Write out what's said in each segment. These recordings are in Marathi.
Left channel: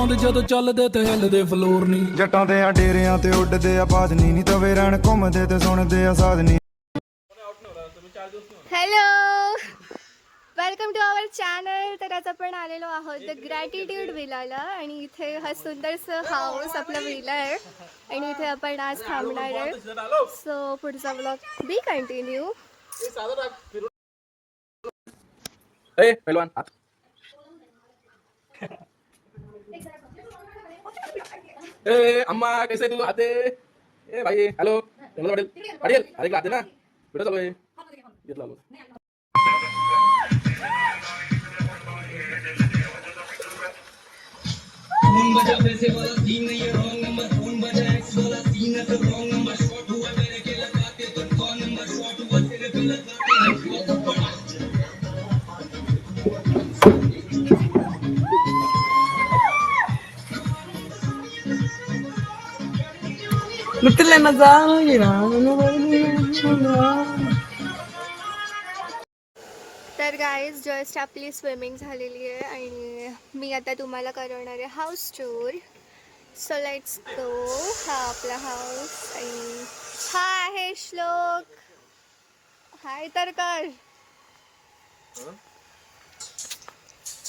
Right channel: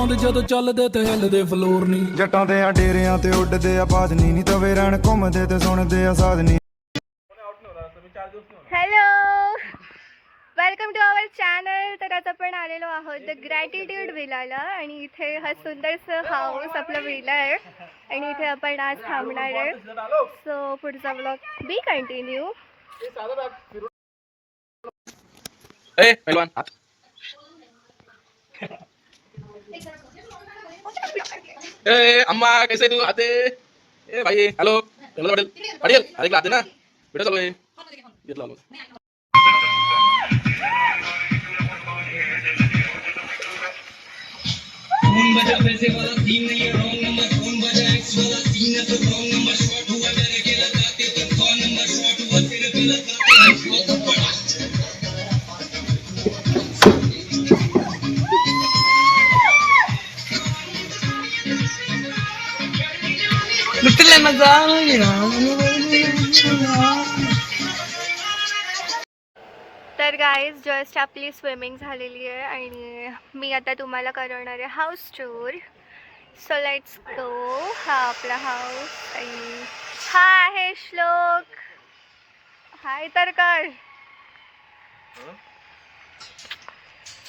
ਗਾਉਂਦੇ ਜਦੋਂ ਚੱਲਦੇ ਤੇ ਹਿੱਲਦੇ ਫਲੋਰ ਨਹੀਂ ਜੱਟਾਂ ਦੇ ਆ ਡੇਰਿਆਂ ਤੇ ਉੱਡਦੇ ਆ ਬਾਜਨੀ ਨਹੀਂ ਤਵੇ ਰਹਿਣ ਘੁੰਮਦੇ ਤੇ ਸੁਣਦੇ ਆ ਸਾਧਨੀ। Hello, welcome to our channel. तर आज आपण आलेलो आहोत द ग्रॅटिट्यूड विलाला आणि इथे हा सुंदरसं हाऊस आपला विला आहे आणि इथे आपण आज थांबणार आहे. सो पुढचा ब्लॉग बी कंटिन्यू. अम्मा कैसे तू आते? ए भाई हेलो पटेल पटेल अरे आते ना बेटा चलो घेतला आलो. तर गाईज जस्ट आपली स्विमिंग झालेली आहे आणि मी आता तुम्हाला करवणार आहे house tour. So let's go. हा आपला हाऊस आणि हा आहे श्लोक. हाय तर कर.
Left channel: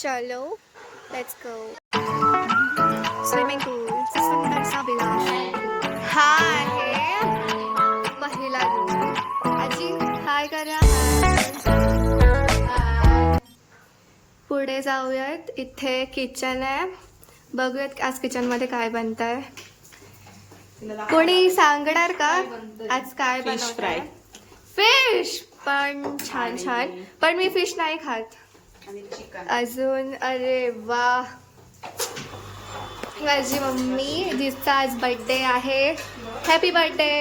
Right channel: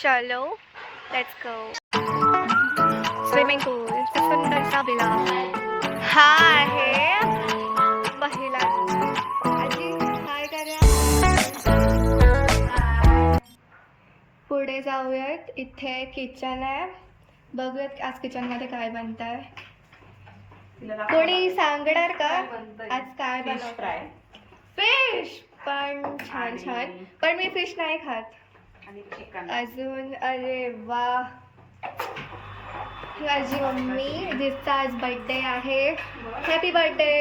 चलो लेट्स गो. स्विमिंग पूल सुंदरसा विला. हा आहे पहिला रूम. आजी हाय करा. पुढे जाऊयात. इथे किचन आहे. बघूयात आज किचनमध्ये काय बनत आहे. कोणी सांगणार का आज काय बनवत आहे? फिश. पण छान छान. पण मी फिश नाही खात अजून. अरे वा. माझी मम्मी जिचा आज बर्थडे आहे. Happy birthday.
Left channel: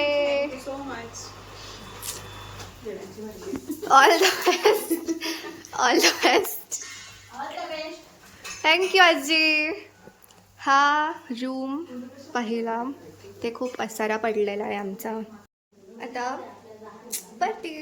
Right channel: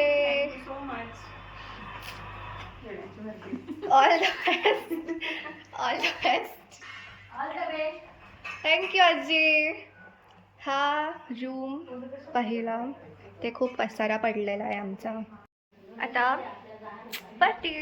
All the best. All the best. Thank you आजी. हा रूम पहिला. ते खूप पसारा पडलेला आहे आमचा. आता पार्टी.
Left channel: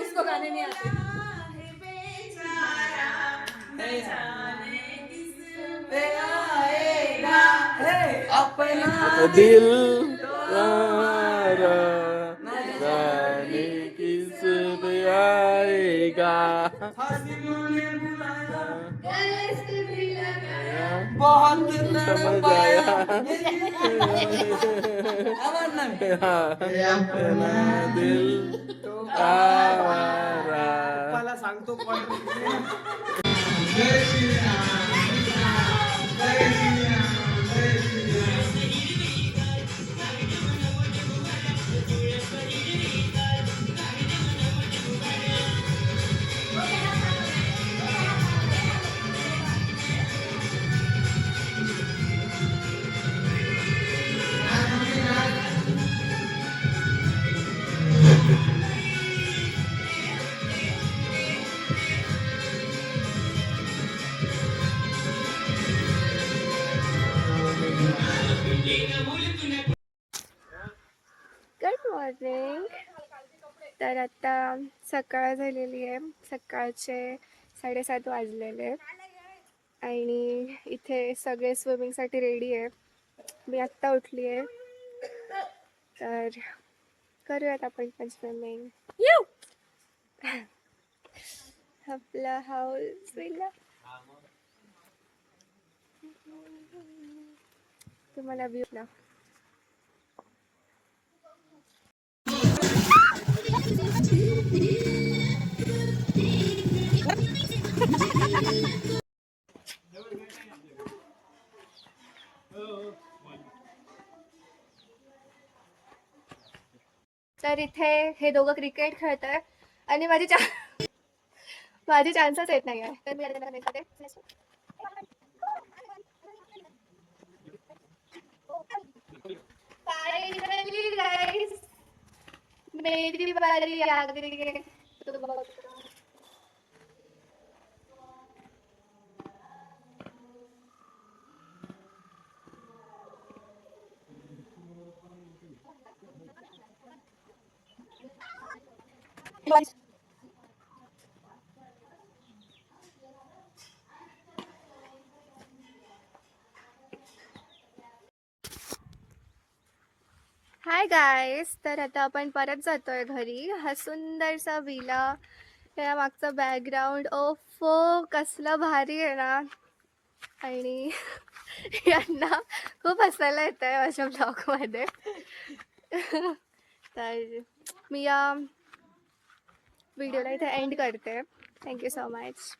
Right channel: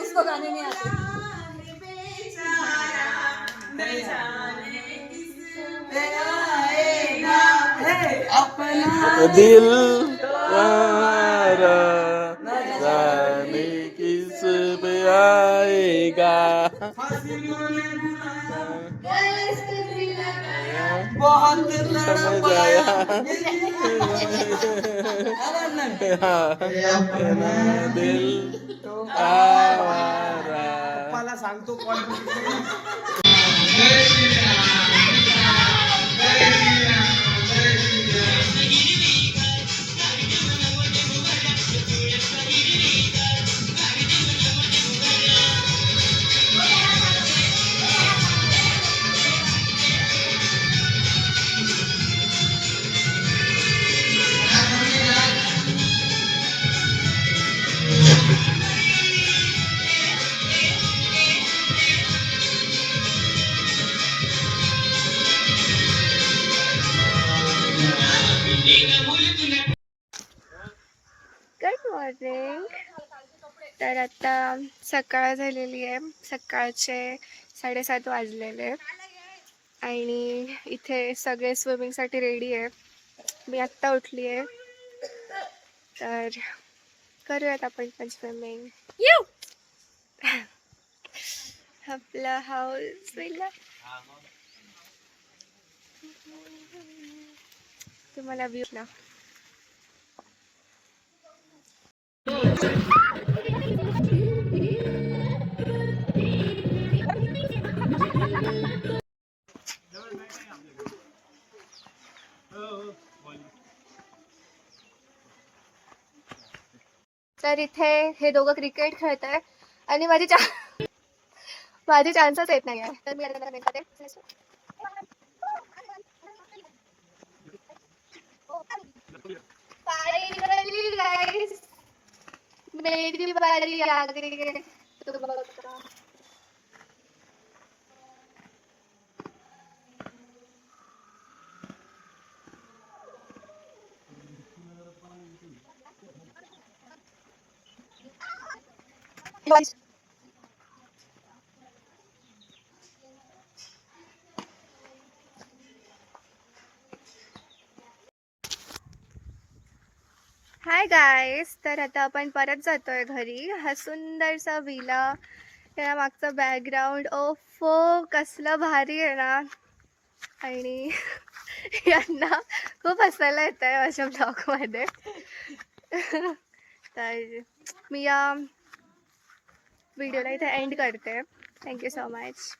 उसको गाने नहीं आते. दिल जाने किस पे आएगा. बहुत समझ आया. दिल आवारा. पप्पाला सांगतो कॉल. जय श्रीराम जय श्रीराम जय श्रीराम. तर आता सकाळ झालेली आहे, सकाळचे 7:30 वाजलेले आणि इथे सगळे स्विमिंगसाठी रेडी आहे. मी आत्ता उठली आहे, तर करूयात आपण पण स्विमिंग. आपला हाऊस विला तुम्हाला व्ह्यू ना. तर इथे हे दोघं क्रिकेट खेळत आहे आणि माझे चान्सच येत नाही आहे, तर मी आता त्यांना करते. Finally, guys, मेरी बारी आ गई है. तो बताओ. हाय गाईस, तर आता आपण परत जातोय घरी. हा सुंदरसा विला, त्या मागचा बॅकग्राऊंड ओफो कसलं भारी आहे ना. आणि यांना खूप हसायला येत आहे माझ्या ब्लॉगमध्ये. तर मी या व्हिडिओला इथे एंड करते. Thank you so much.